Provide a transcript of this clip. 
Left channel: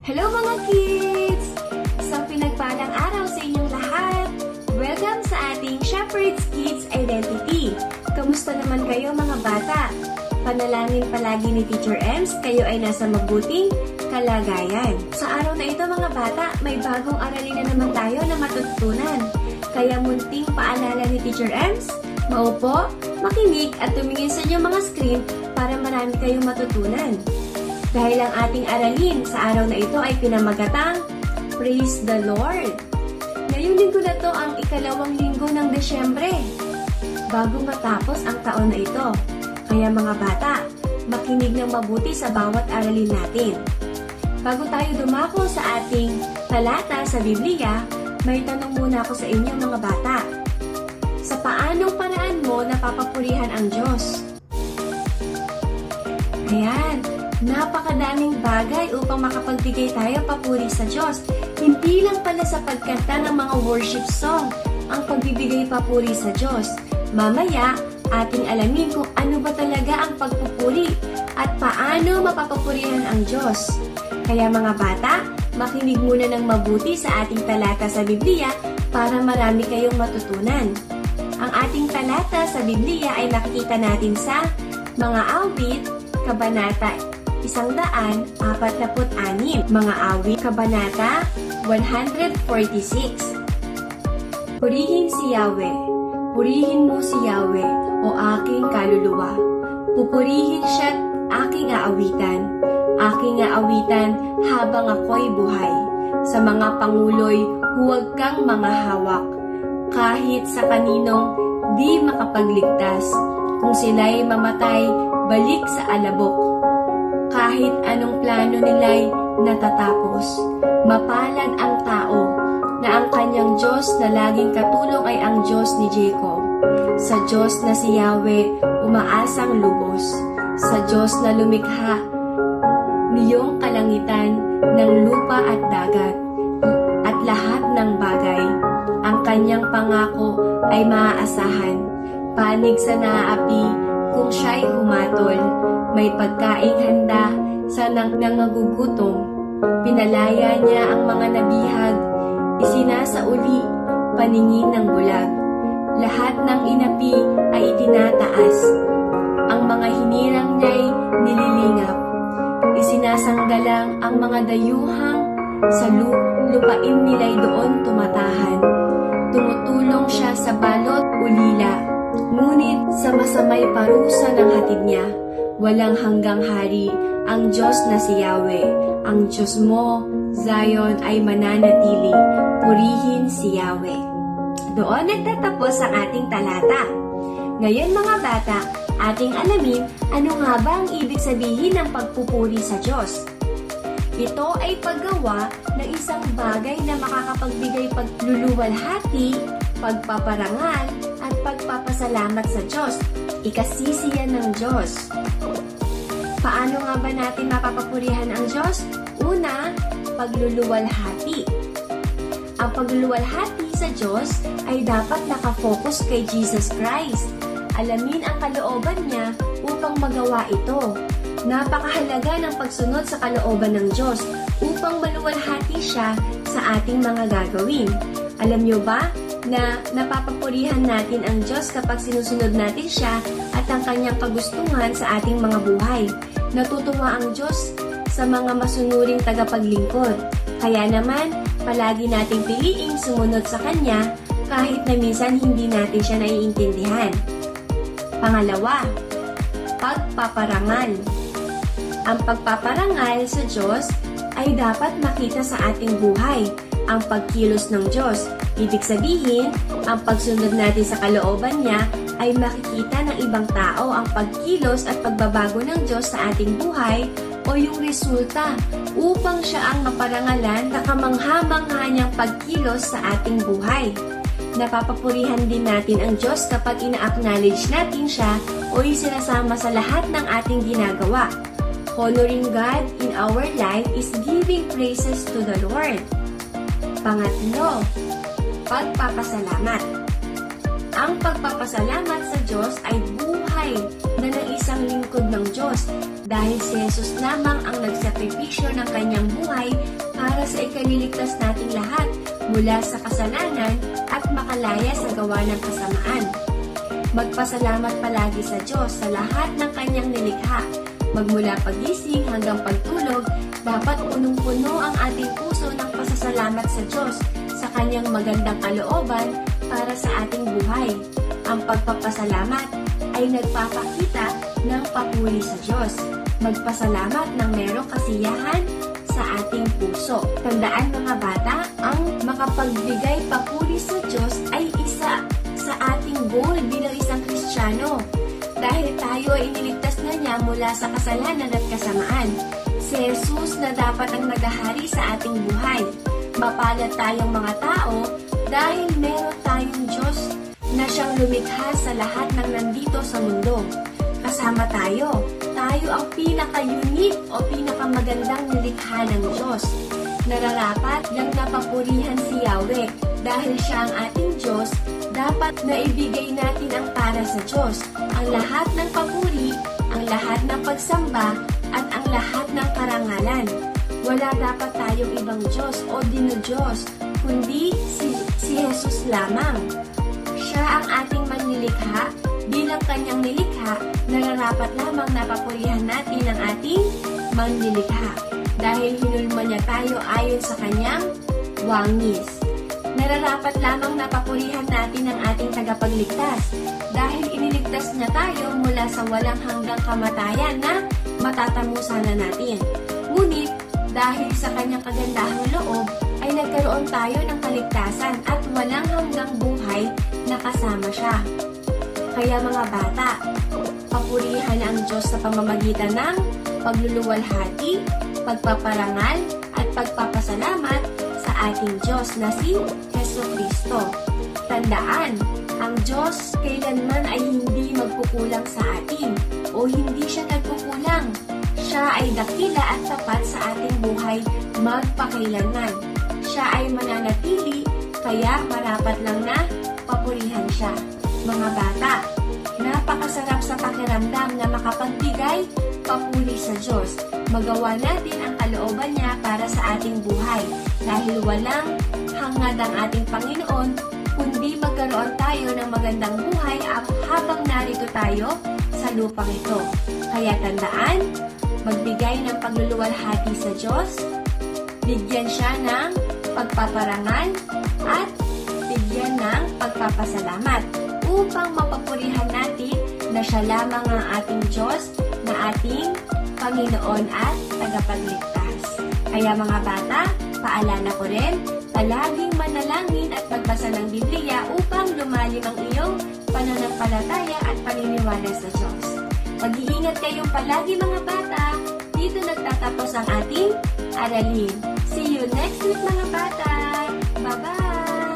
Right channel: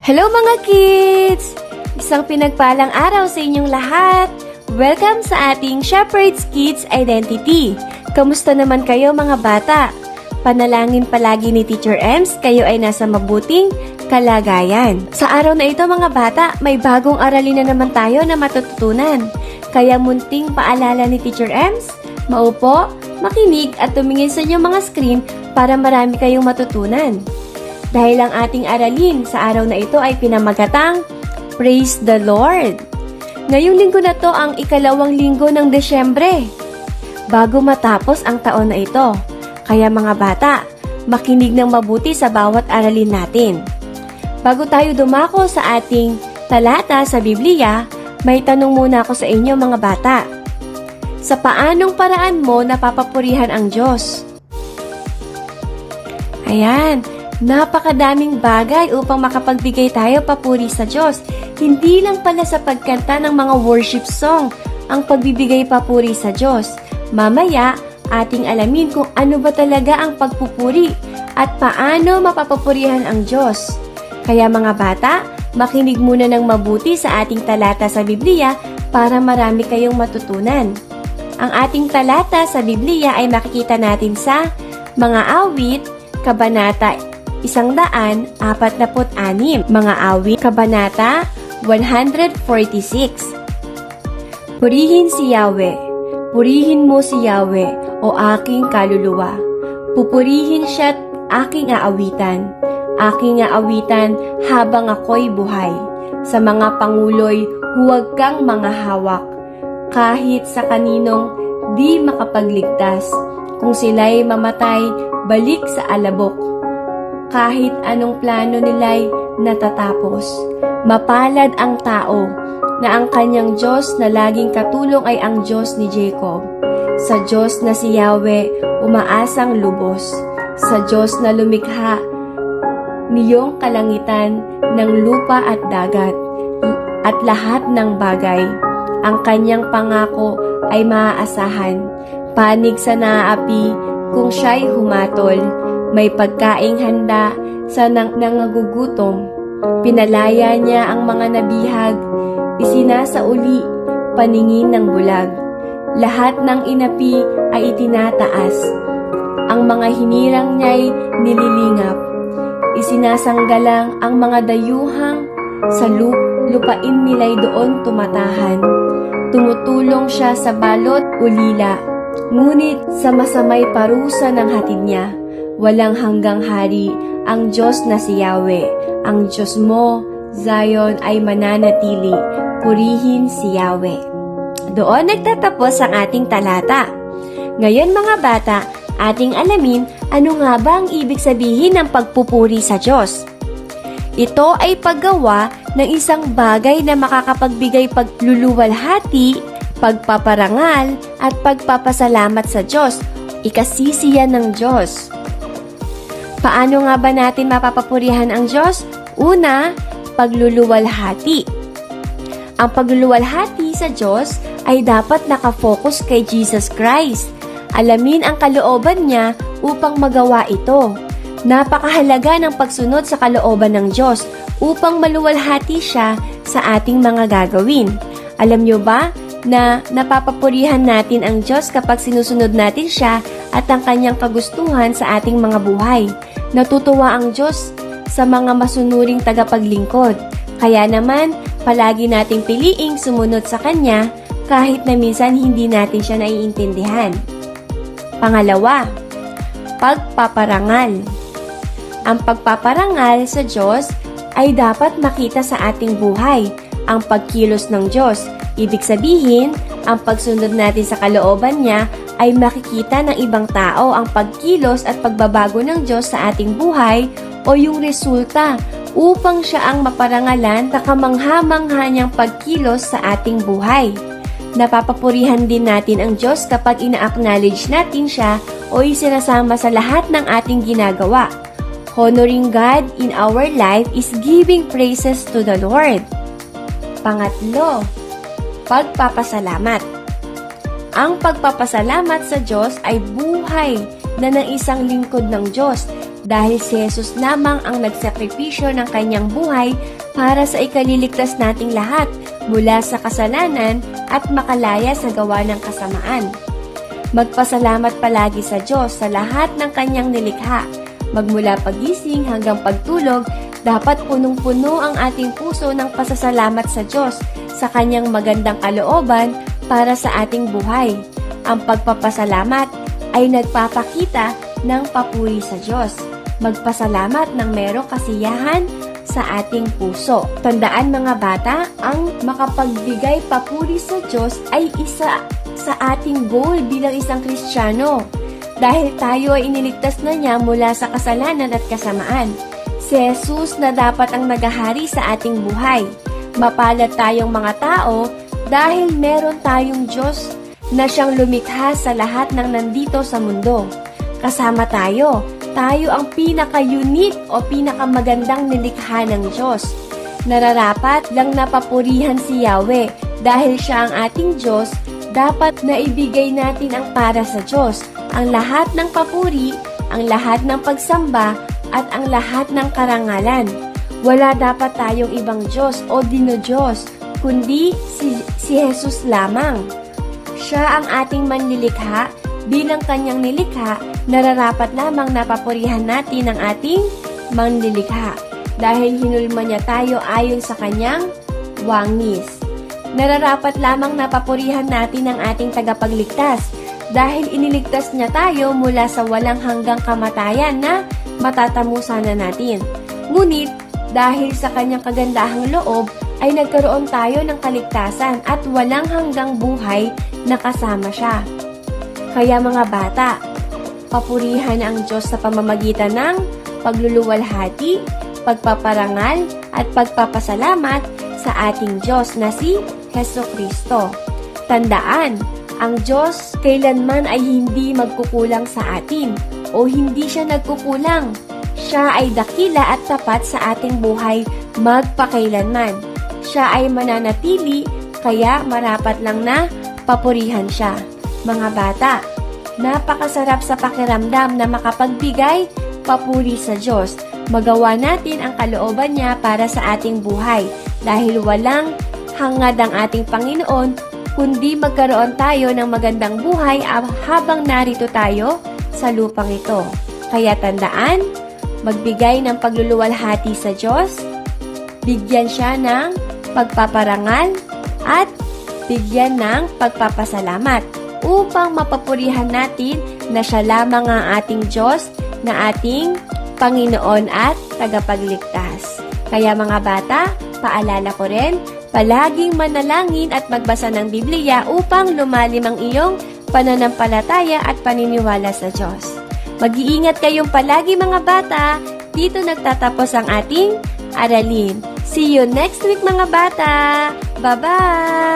Hello mga kids! Isang pinagpalang araw sa inyong lahat! Welcome sa ating Shepherd's Kids Identity! Kamusta naman kayo mga bata? Panalangin palagi ni Teacher Ems, kayo ay nasa mabuting kalagayan. Sa araw na ito mga bata, may bagong aralin na naman tayo na matututunan. Kaya munting paalala ni Teacher Ems, maupo, makinig at tumingin sa inyong mga screen para marami kayong matutunan. Dahil ang ating aralin sa araw na ito ay pinamagatang Praise the Lord. Ngayong linggo na to ang ikalawang linggo ng Desyembre, bago matapos ang taon na ito. Kaya mga bata, makinig ng mabuti sa bawat aralin natin. Bago tayo dumako sa ating talata sa Biblia, may tanong muna ako sa inyo mga bata. Sa paanong paraan mo napapapurihan ang Diyos? Ayan. Napakadaming bagay upang makapagbigay tayo papuri sa Diyos. Hindi lang pala sa pagkanta ng mga worship song ang pagbibigay papuri sa Diyos. Mamaya, ating alamin kung ano ba talaga ang pagpupuri at paano mapapapurihan ang Diyos. Kaya mga bata, makinig muna ng mabuti sa ating talata sa Biblia para marami kayong matutunan. Ang ating talata sa Biblia ay makikita natin sa Mga Awit, Kabanata 146, Mga Awit, Kabanata 146. Purihin si Yahweh, purihin mo si Yahweh, o aking kaluluwa. Pupurihin siya't aking aawitan habang ako'y buhay. Sa mga pangulo'y huwag kang manghahawak, kahit sa kaninong di makapagligtas. Kung sila'y mamatay, balik sa alabok. Kahit anong plano nila'y natatapos. Mapalad ang tao na ang kanyang Diyos na laging katulong ay ang Diyos ni Jacob. Sa Diyos na si Yahweh umaasang lubos. Sa Diyos na lumikha niyong kalangitan ng lupa at dagat at lahat ng bagay. Ang kanyang pangako ay maaasahan. Panig sa naaapi kung siya'y humatol. May pagkaing handa sa nangagugutom. Pinalaya niya ang mga nabihag, isinasauli paningin ng bulag. Lahat ng inapi ay itinataas. Ang mga hinirang niya'y nililingap. Isinasanggalang ang mga dayuhang sa lupain nila'y doon tumatahan. Tumutulong siya sa balot ulila, ngunit sa masamay parusa ng hatid niya. Walang hanggang hari ang Diyos na si Yahweh. Ang Diyos mo, Zion, ay mananatili. Purihin si Yahweh. Doon nagtatapos ang ating talata. Ngayon mga bata, ating alamin ano nga ba ang ibig sabihin ng pagpupuri sa Diyos. Ito ay paggawa ng isang bagay na makakapagbigay pagluluwalhati, pagpaparangal, at pagpapasalamat sa Diyos. Ikasisiyan ng Diyos. Paano nga ba natin mapapapurihan ang Diyos? Una, pagluluwalhati. Ang pagluluwalhati sa Diyos ay dapat nakafocus kay Jesus Christ. Alamin ang kalooban niya upang magawa ito. Napakahalaga ng pagsunod sa kalooban ng Diyos upang maluwalhati siya sa ating mga gagawin. Alam niyo ba na napapapurihan natin ang Diyos kapag sinusunod natin siya at ang kanyang kagustuhan sa ating mga buhay? Natutuwa ang Diyos sa mga masunuring tagapaglingkod. Kaya naman, palagi nating piliing sumunod sa Kanya kahit na minsan hindi natin siya naiintindihan. Pangalawa, pagpaparangal. Ang pagpaparangal sa Diyos ay dapat makita sa ating buhay. Ang pagkilos ng Diyos. Ibig sabihin, ang pagsunod natin sa kalooban niya ay makikita ng ibang tao ang pagkilos at pagbabago ng Diyos sa ating buhay o yung resulta upang siya ang maparangalan na kamangha-mangha niyang pagkilos sa ating buhay. Napapapurihan din natin ang Diyos kapag ina-acknowledge natin siya o isinasama sa lahat ng ating ginagawa. Honoring God in our life is giving praises to the Lord. Pangatlo, pagpapasalamat. Ang pagpapasalamat sa Diyos ay buhay na ng isang lingkod ng Diyos. dahil si Jesus lamang ang nagsakripisyo ng kanyang buhay para sa ikaliligtas nating lahat mula sa kasalanan at makalaya sa gawa ng kasamaan. Magpasalamat palagi sa Diyos sa lahat ng kanyang nilikha. Magmula pagising hanggang pagtulog, dapat punong-puno ang ating puso ng pasasalamat sa Diyos sa kanyang magandang kalooban para sa ating buhay. Ang pagpapasalamat ay nagpapakita ng papuri sa Diyos. Magpasalamat ng merong kasiyahan sa ating puso. Tandaan mga bata, ang makapagbigay papuri sa Diyos ay isa sa ating goal bilang isang Kristiyano. Dahil tayo ay iniligtas na niya mula sa kasalanan at kasamaan. Si Jesus na dapat ang naghahari sa ating buhay. Mapalad tayong mga tao dahil meron tayong Diyos na siyang lumikha sa lahat ng nandito sa mundo. Kasama tayo ang pinaka-unique o pinakamagandang nilikha ng Diyos. Nararapat lang napapurihan si Yahweh dahil siya ang ating Diyos. Dapat na ibigay natin ang para sa Diyos, ang lahat ng papuri, ang lahat ng pagsamba, at ang lahat ng karangalan. Wala dapat tayong ibang Diyos o dinodiyos, kundi si Jesus lamang. Siya ang ating manlilikha. Bilang kanyang nilikha, nararapat lamang napapurihan natin ang ating manlilikha dahil hinulma niya tayo ayon sa kanyang wangis. Nararapat lamang napapurihan natin ang ating tagapagligtas dahil iniligtas niya tayo mula sa walang hanggang kamatayan na matatamusan na natin. Ngunit, dahil sa kanyang kagandahang loob, ay nagkaroon tayo ng kaligtasan at walang hanggang buhay na kasama siya. Kaya mga bata, papurihan ang Diyos sa pamamagitan ng pagluluwalhati, pagpaparangal, at pagpapasalamat sa ating Diyos na si Jesucristo. Tandaan, ang Diyos kailanman ay hindi magkukulang sa atin o hindi siya nagkukulang. Siya ay dakila at tapat sa ating buhay magpakailanman. Siya ay mananatili, kaya marapat lang na papurihan siya. Mga bata, napakasarap sa pakiramdam na makapagbigay papuri sa Diyos. Magawa natin ang kalooban niya para sa ating buhay dahil walang hangad ang ating Panginoon kundi magkaroon tayo ng magandang buhay habang narito tayo sa lupang ito. Kaya tandaan, magbigay ng pagluluwalhati sa Diyos, bigyan siya ng pagpaparangal at bigyan ng pagpapasalamat upang mapapurihan natin na siya lamang ang ating Diyos na ating Panginoon at tagapagligtas. Kaya mga bata, paalala ko rin, palaging manalangin at magbasa ng Biblia upang lumalim ang iyong pananampalataya at paniniwala sa Diyos. Mag-iingat kayong palagi mga bata. Dito nagtatapos ang ating aralin. See you next week mga bata. Bye-bye!